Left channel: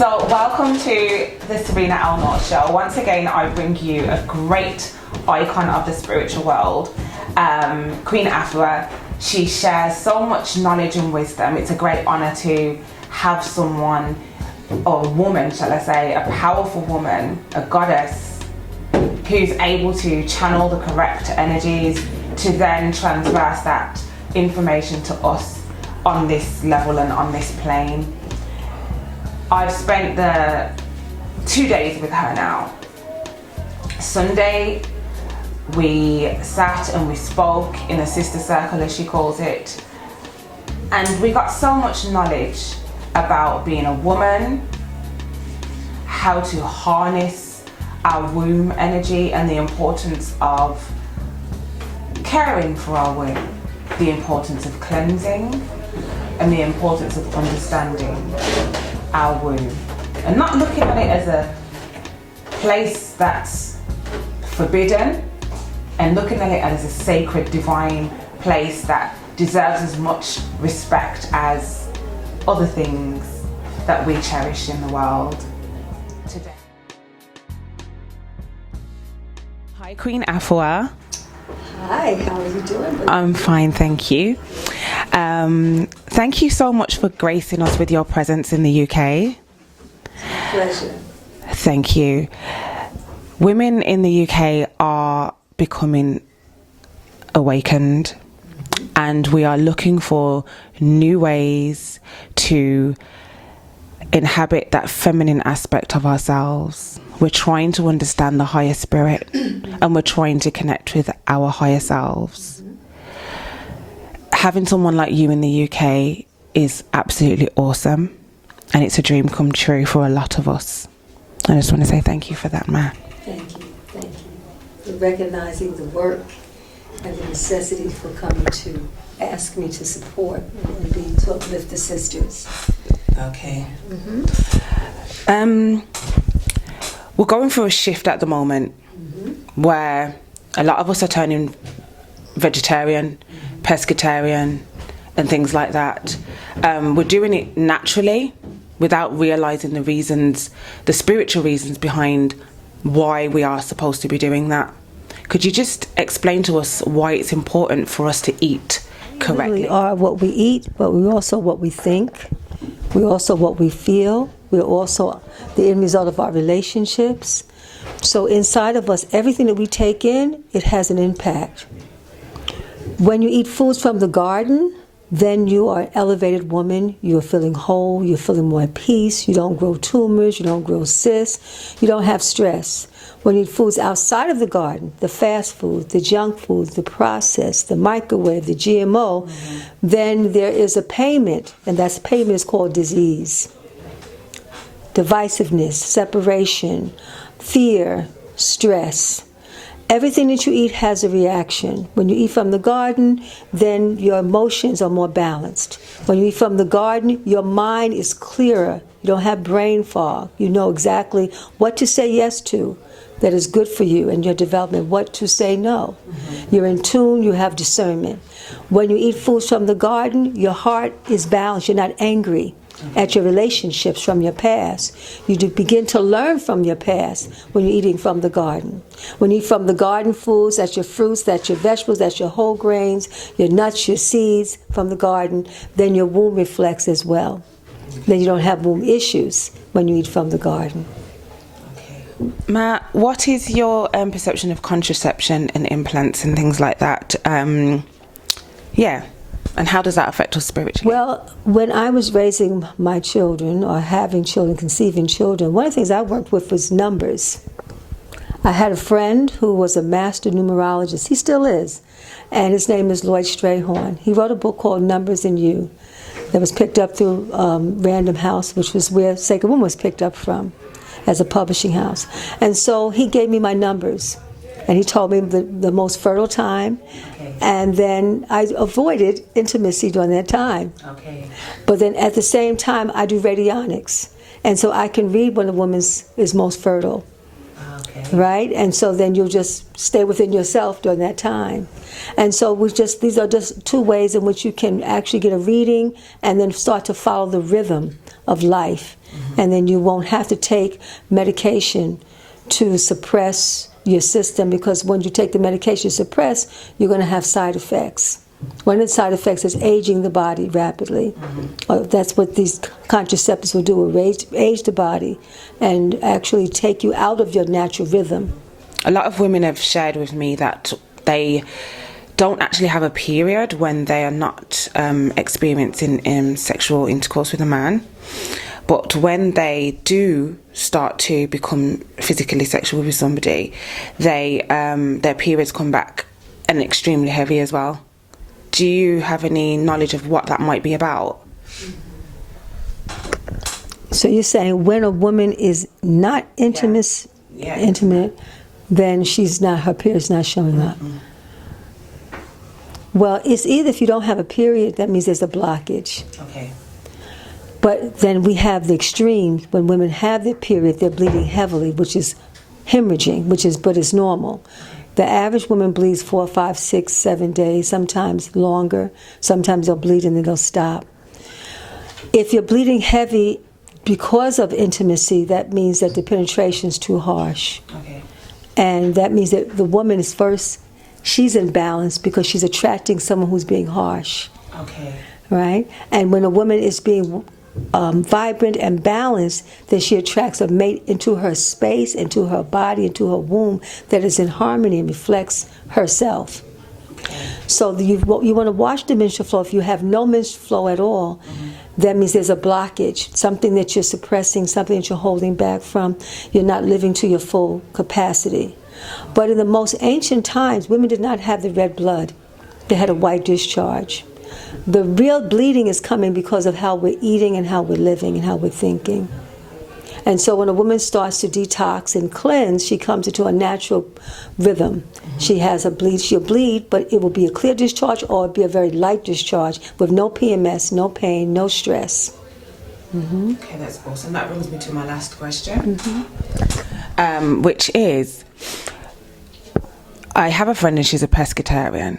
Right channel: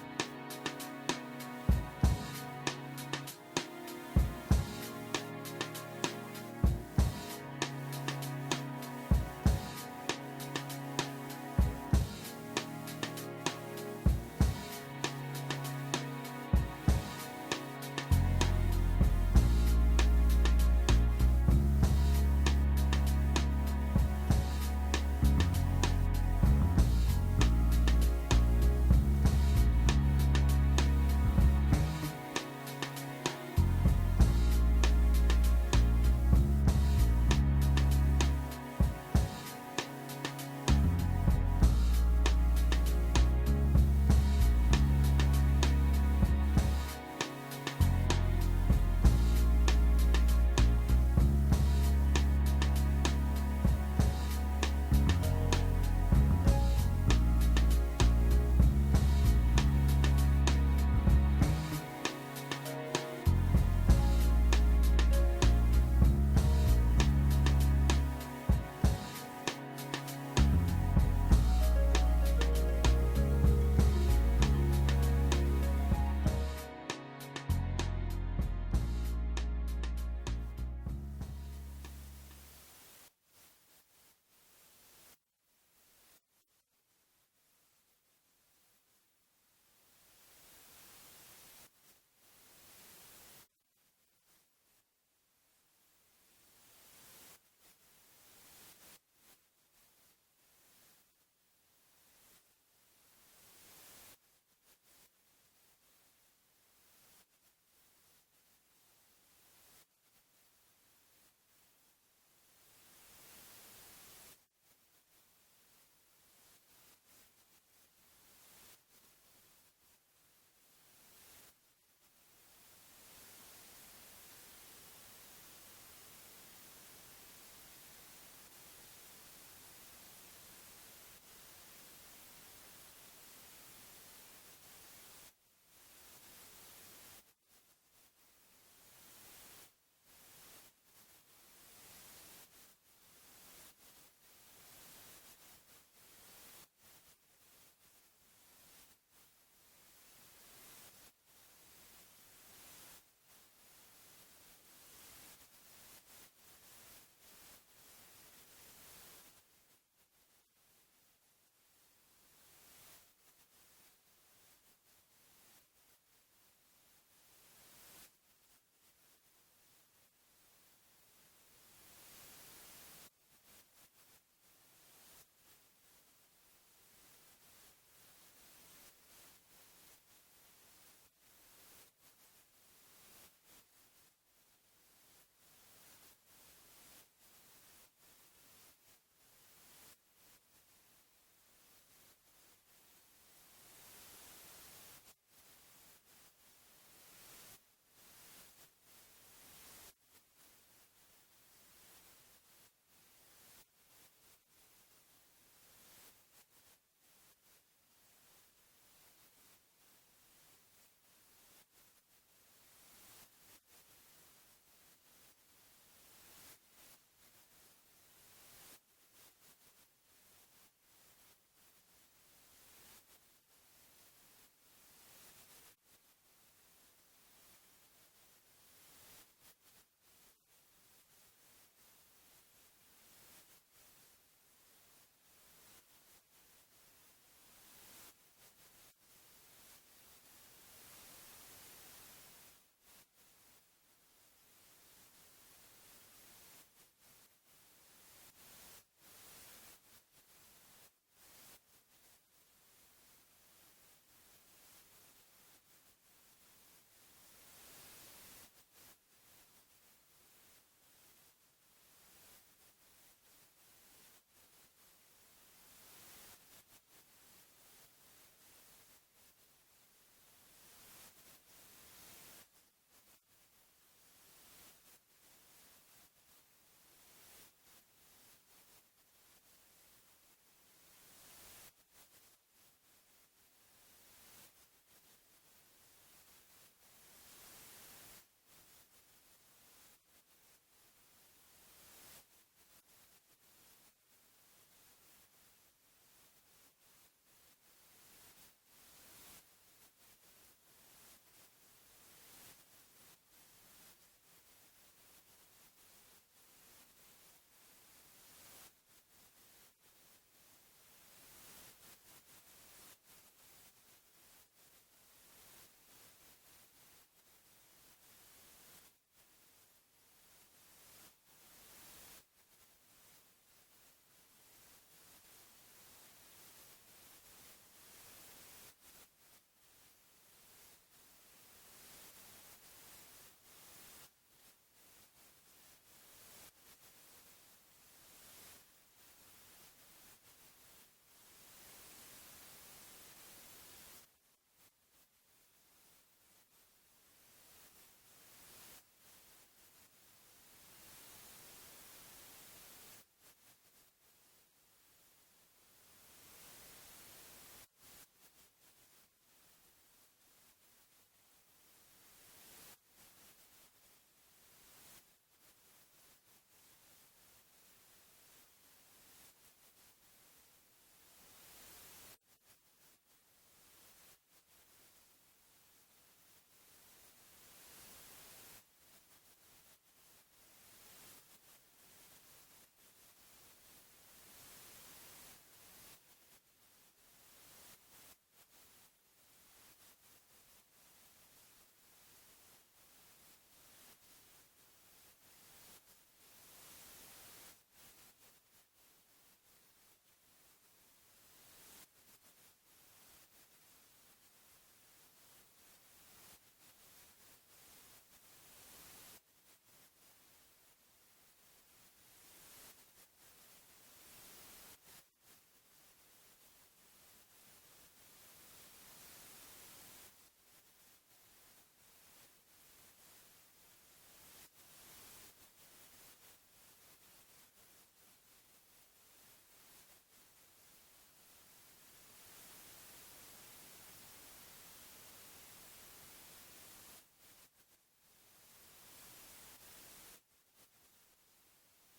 So welcome to the Sereena show. Once again, I bring you a great icon of the spiritual world, Queen Afua. She shares so much knowledge and wisdom. It's a great honour to have someone, or a woman, shall I say, a powerful woman, a goddess, who's able to channel the correct energies to then transverse that information to us on this level and on this plane. I've spent the 2 days with her now. Sunday, we sat and we spoke in a sister circle, as she calls it, and we got so much knowledge about being a woman, how to harness our womb energy and the importance of caring for our womb, the importance of cleansing, and the importance of understanding our womb, and not looking at it as a place that's forbidden, and looking at it as a sacred, divine place that deserves as much respect as other things that we cherish in the world today. Hi, Queen Afua. Hi, how are you doing? I'm fine, thank you. Thank you so much for gracing us with your presence in the UK. Pleasure. Thank you. Women in the UK are becoming awakened, and we are looking for new ways to inhabit that feminine aspect of ourselves. We're trying to understand the higher spirit and we're trying to connect with our higher selves. Having someone like you in the UK is absolutely awesome, and it's a dream come true for a lot of us. I just want to say thank you for that, man. Thank you, thank you. For recognizing the work and the necessity for coming to ask me to support and be to uplift the sisters. Okay. We're going through a shift at the moment where a lot of us are turning vegetarian, pescatarian, and things like that. We're doing it naturally without realizing the reasons, the spiritual reasons behind why we are supposed to be doing that. Could you just explain to us why it's important for us to eat correctly? We are what we eat, but we're also what we think. We're also what we feel. We're also the end result of our relationships. So inside of us, everything that we take in, it has an impact. When you eat foods from the garden, then you are an elevated woman. You're feeling whole. You're feeling more at peace. You don't grow tumors. You don't grow cysts. You don't have stress. When you eat foods outside of the garden, the fast foods, the junk foods, the processed, the microwave, the GMO, then there is a payment, and that payment is called disease. Divisiveness, separation, fear, stress. Everything that you eat has a reaction. When you eat from the garden, then your emotions are more balanced. When you eat from the garden, your mind is clearer. You don't have brain fog. You know exactly what to say yes to that is good for you and your development, what to say no. You're in tune, you have discernment. When you eat foods from the garden, your heart is balanced. You're not angry at your relationships from your past. You do begin to learn from your past when you're eating from the garden. When you eat from the garden foods, that's your fruits, that's your vegetables, that's your whole grains, your nuts, your seeds from the garden, then your womb reflects as well. Then you don't have womb issues when you eat from the garden. Ma, what is your perception of contraception and implants and things like that? And how does that affect us spiritually? Well, when I was raising my children, or having children, conceiving children, one of the things I worked with was numbers. I had a friend who was a master numerologist. He still is. And his name is Lloyd Strayhorn. He wrote a book called Numbers in You that was picked up through Random House, which was where Sacred Woman was picked up from as a publishing house. And so he gave me my numbers. And he told me the most fertile time. Okay. And then I avoided intimacy during that time. Okay. But then at the same time, I do radionics. And so I can read when a woman is most fertile. Okay. Right? And so then you'll just stay within yourself during that time. And so these are just two ways in which you can actually get a reading and then start to follow the rhythm of life. And then you won't have to take medication to suppress your system, because when you take the medication to suppress, you're going to have side effects. One of the side effects is aging the body rapidly. That's what these contraceptives will do, will age the body and actually take you out of your natural rhythm. A lot of women have shared with me that they don't actually have a period when they are not experiencing sexual intercourse with a man. But when they do start to become physically sexual with somebody, their periods come back and extremely heavy as well. Do you have any knowledge of what that might be about? So you're saying when a woman is not intimate, then her period's not showing up. Well, it's either if you don't have a period, that means there's a blockage. Okay. But then we have the extremes. When women have their period, they're bleeding heavily, which is hemorrhaging, but it's normal. The average woman bleeds 4, 5, 6, 7 days, sometimes longer. Sometimes they'll bleed and then they'll stop. If you're bleeding heavy because of intimacy, that means that the penetration is too harsh. Okay. And that means that the woman is she's in balance because she's attracting someone who's being harsh. Okay. Right? And when a woman is being vibrant and balanced, then she attracts a mate into her space, into her body, into her womb that is in harmony and reflects herself. So you want to watch the menstrual flow. If you have no menstrual flow at all, that means there's a blockage, something that you're suppressing, something that you're holding back from. You're not living to your full capacity. But in the most ancient times, women did not have the red blood. They had a white discharge. The real bleeding is coming because of how we're eating and how we're living and how we're thinking. And so when a woman starts to detox and cleanse, she comes into a natural rhythm. She has a bleed, she'll bleed, but it will be a clear discharge or it'll be a very light discharge with no PMS, no pain, no stress. Okay, that's awesome. That brings me to my last question, which is, I have a friend and she's a pescatarian,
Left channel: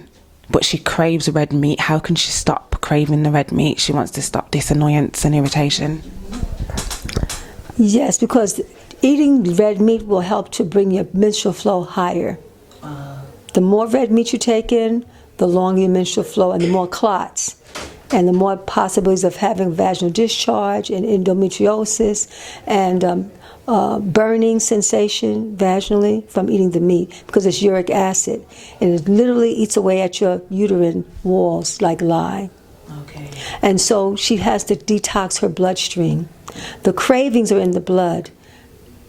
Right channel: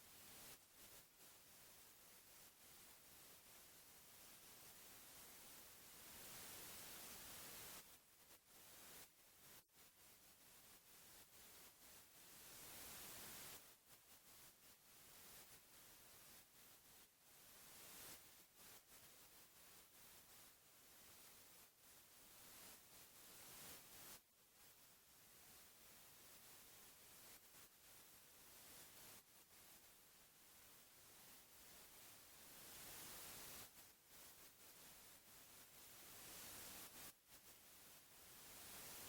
but she craves red meat. How can she stop craving the red meat? She wants to stop this annoyance and irritation. Yes, because eating red meat will help to bring your menstrual flow higher. The more red meat you take in, the longer your menstrual flow and the more clots and the more possibilities of having vaginal discharge and endometriosis and burning sensation vaginally from eating the meat, because it's uric acid and it literally eats away at your uterine walls like lye. Okay. And so she has to detox her bloodstream. The cravings are in the blood.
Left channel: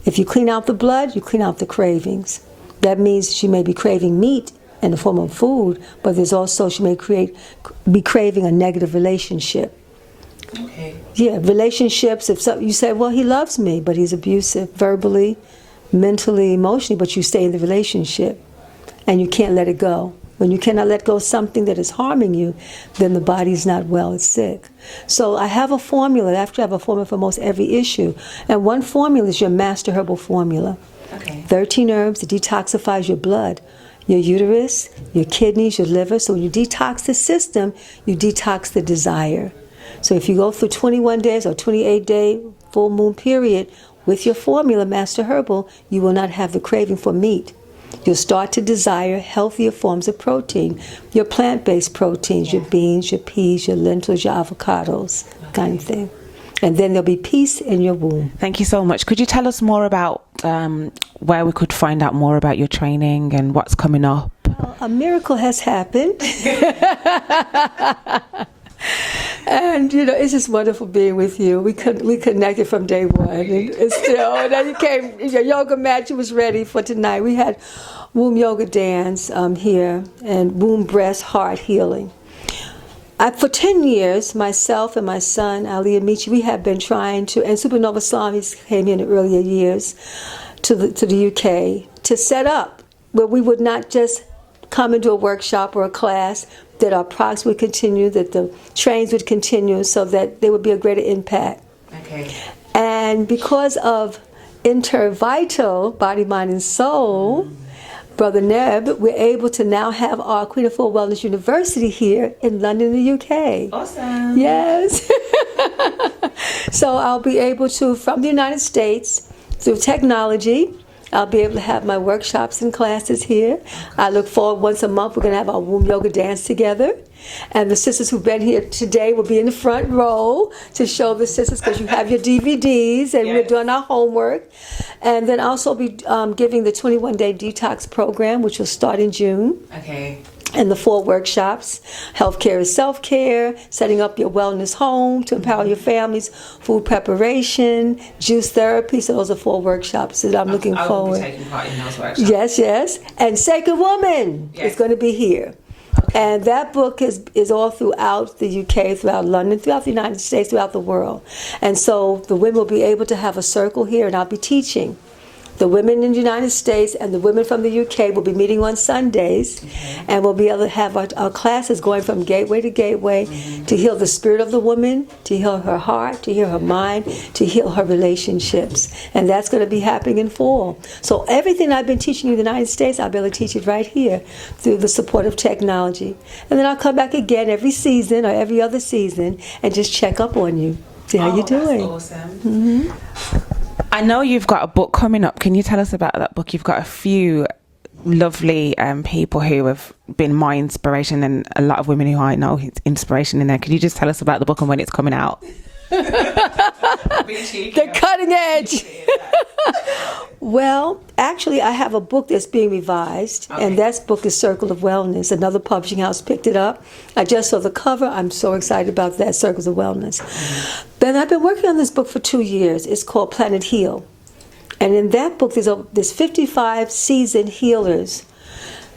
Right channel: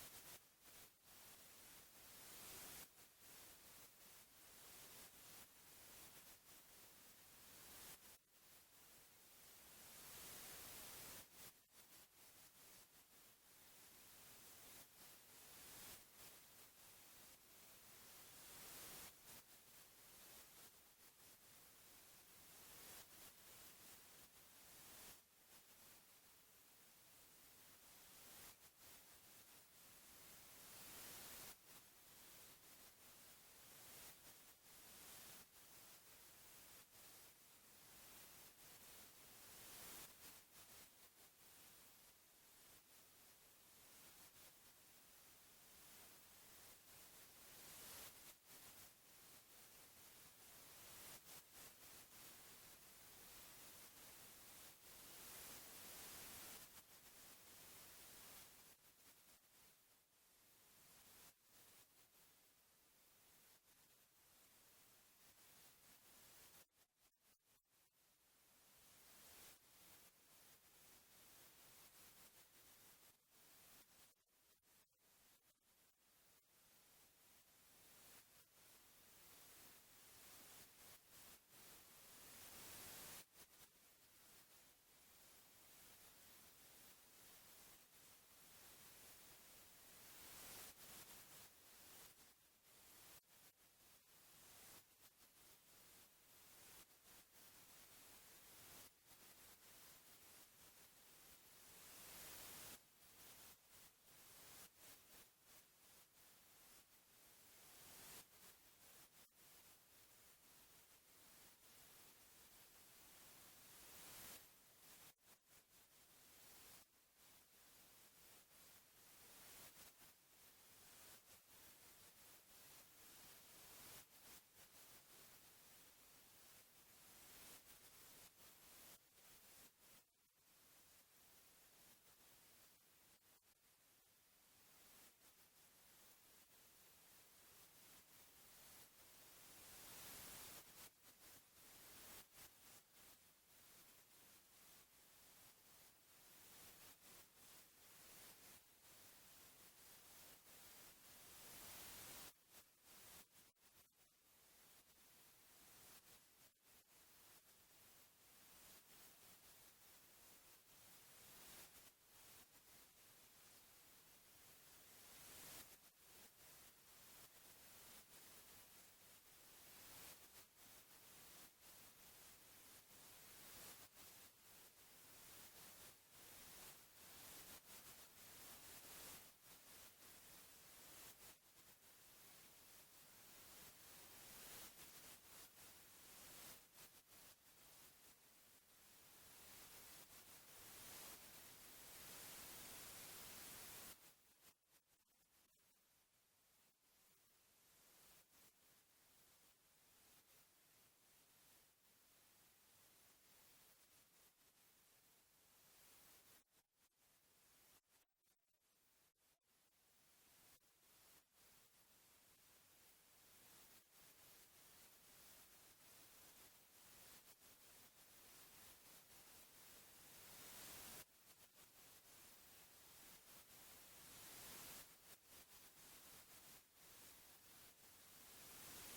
If you clean out the blood, you clean out the cravings. That means she may be craving meat in the form of food, but there's also, she may be craving a negative relationship. Okay. Yeah, relationships, if you say, well, he loves me, but he's abusive verbally, mentally, emotionally, but you stay in the relationship and you can't let it go. When you cannot let go of something that is harming you, then the body's not well, it's sick. So I have a formula. I actually have a formula for most every issue. And one formula is your master herbal formula. Okay. 13 herbs, it detoxifies your blood, your uterus, your kidneys, your liver. So when you detox the system, you detox the desire. So if you go through 21 days or 28-day full moon period with your formula, Master Herbal, you will not have the craving for meat. You'll start to desire healthier forms of protein, your plant-based proteins, your beans, your peas, your lentils, your avocados, kind of thing. And then there'll be peace in your womb. Thank you so much. Could you tell us more about where we could find out more about your training and what's coming up? Well, a miracle has happened. And it's just wonderful being with you. We connected from day one, and it's still. And then you came, your yoga mat, you was ready for tonight. We had womb yoga dance here, and womb, breast, heart healing. For 10 years, myself and my son Ali Amici, we have been trying to, and Supernova Slamis came in the earlier years to the UK to set up where we would not just come into a workshop or a class, that our products would continue, that the trains would continue, so that there would be a greater impact. Okay. And because of Intervital, Body, Mind, and Soul, Brother Neb, we're able to now have our Queen Afua Wellness University here in London, the UK. Awesome. Yes. So I'll be able to, from the United States, through technology, I'll be able to have my workshops and classes here. I look forward, once a month, we're going to have our womb yoga dance together. And the sisters who've been here today will be in the front row to show the sisters, because you have your DVDs, and we're doing our homework. And then also be giving the 21-day detox program, which will start in June. Okay. And the 4 workshops: healthcare is self-care, setting up your wellness home to empower your families, food preparation, juice therapy. So those are 4 workshops that I'm looking forward. I will be taking part in those workshops. Yes. And Sacred Woman is going to be here. Okay. And that book is all throughout the UK, throughout London, throughout the United States, throughout the world. And so the women will be able to have a circle here, and I'll be teaching. The women in the United States and the women from the UK will be meeting on Sundays, and we'll be able to have our classes going from gateway to gateway to heal the spirit of the woman, to heal her heart, to heal her mind, to heal her relationships. And that's going to be happening in fall. So everything I've been teaching in the United States, I'll be able to teach it right here through the support of technology. And then I'll come back again every season or every other season and just check up on you, see how you're doing. That's awesome. I know you've got a book coming up. Can you tell us about that book? You've got a few lovely people who have been my inspiration, and a lot of women who I know inspiration in there. Could you just tell us about the book and when it's coming out? The cutting edge. Well, actually, I have a book that's being revised, and that book is Circle of Wellness. Another publishing house picked it up. I just saw the cover. I'm so excited about that, Circles of Wellness. Then I've been working on this book for 2 years. It's called Planet Heal. And in that book, there's 55 seasoned healers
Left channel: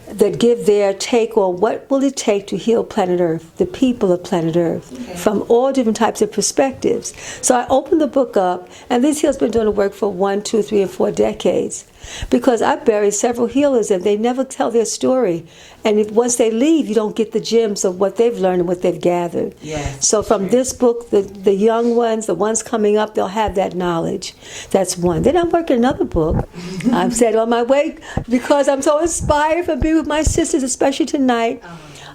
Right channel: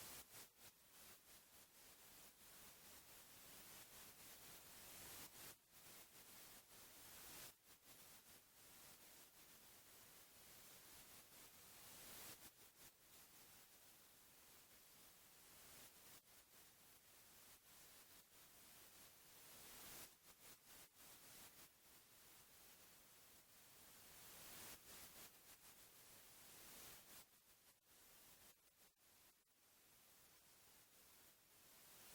that give their take on what will it take to heal planet Earth, the people of planet Earth, from all different types of perspectives. So I opened the book up, and these healers have been doing the work for 1, 2, 3, and 4 decades. Because I've buried several healers, and they never tell their story. And once they leave, you don't get the gems of what they've learned and what they've gathered. Yes, so from this book, the young ones, the ones coming up, they'll have that knowledge. That's one. Then I'm working another book. I'm set on my way because I'm so inspired for being with my sisters, especially tonight,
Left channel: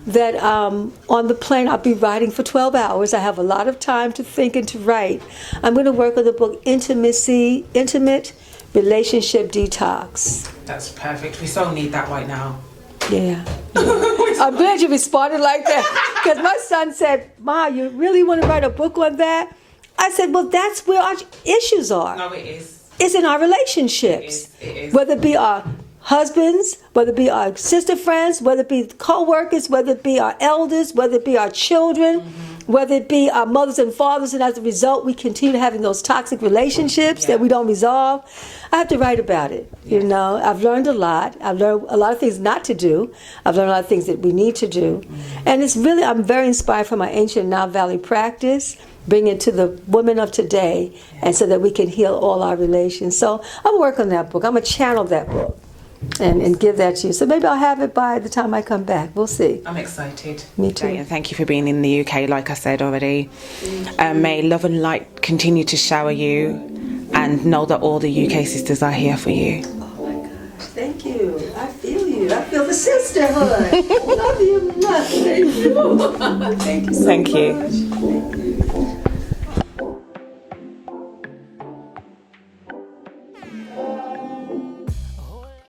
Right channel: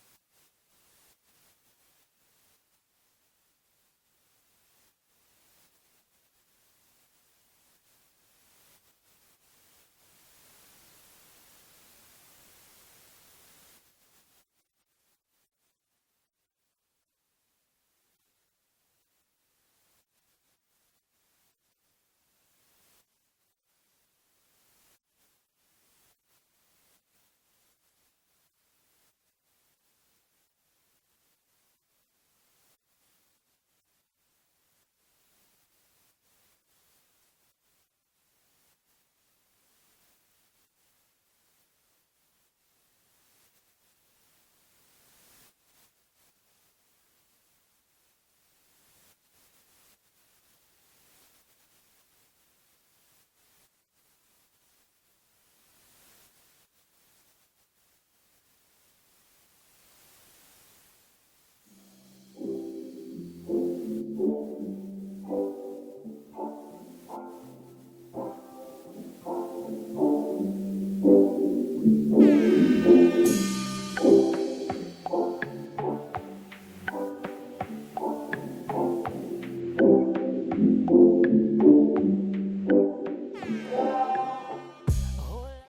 that on the plane I'll be writing for 12 hours. I have a lot of time to think and to write. I'm going to work on the book Intimate Relationship Detox. That's perfect. We so need that right now. Yeah. I'm glad you responded like that, because my son said, "Ma, you really want to write a book on that?" I said, well, that's where our issues are. No, it is. It's in our relationships. It is. Whether it be our husbands, whether it be our sister friends, whether it be co-workers, whether it be our elders, whether it be our children, whether it be our mothers and fathers, and as a result, we continue having those toxic relationships that we don't resolve. I have to write about it. You know, I've learned a lot. I've learned a lot of things not to do. I've learned a lot of things that we need to do. And it's really, I'm very inspired from my ancient Nile Valley practice, bring it to the women of today, and so that we can heal all our relations. So I'm working on that book. I'm going to channel that book and give that to you. So maybe I'll have it by the time I come back. We'll see. I'm excited. Me too. And thank you for being in the UK, like I said already. May love and light continue to shower you, and know that all the UK sisters are here for you. Oh my gosh, thank you. I feel you. I feel the sisterhood. Love you. Thank you. Thank you so much. Thank you.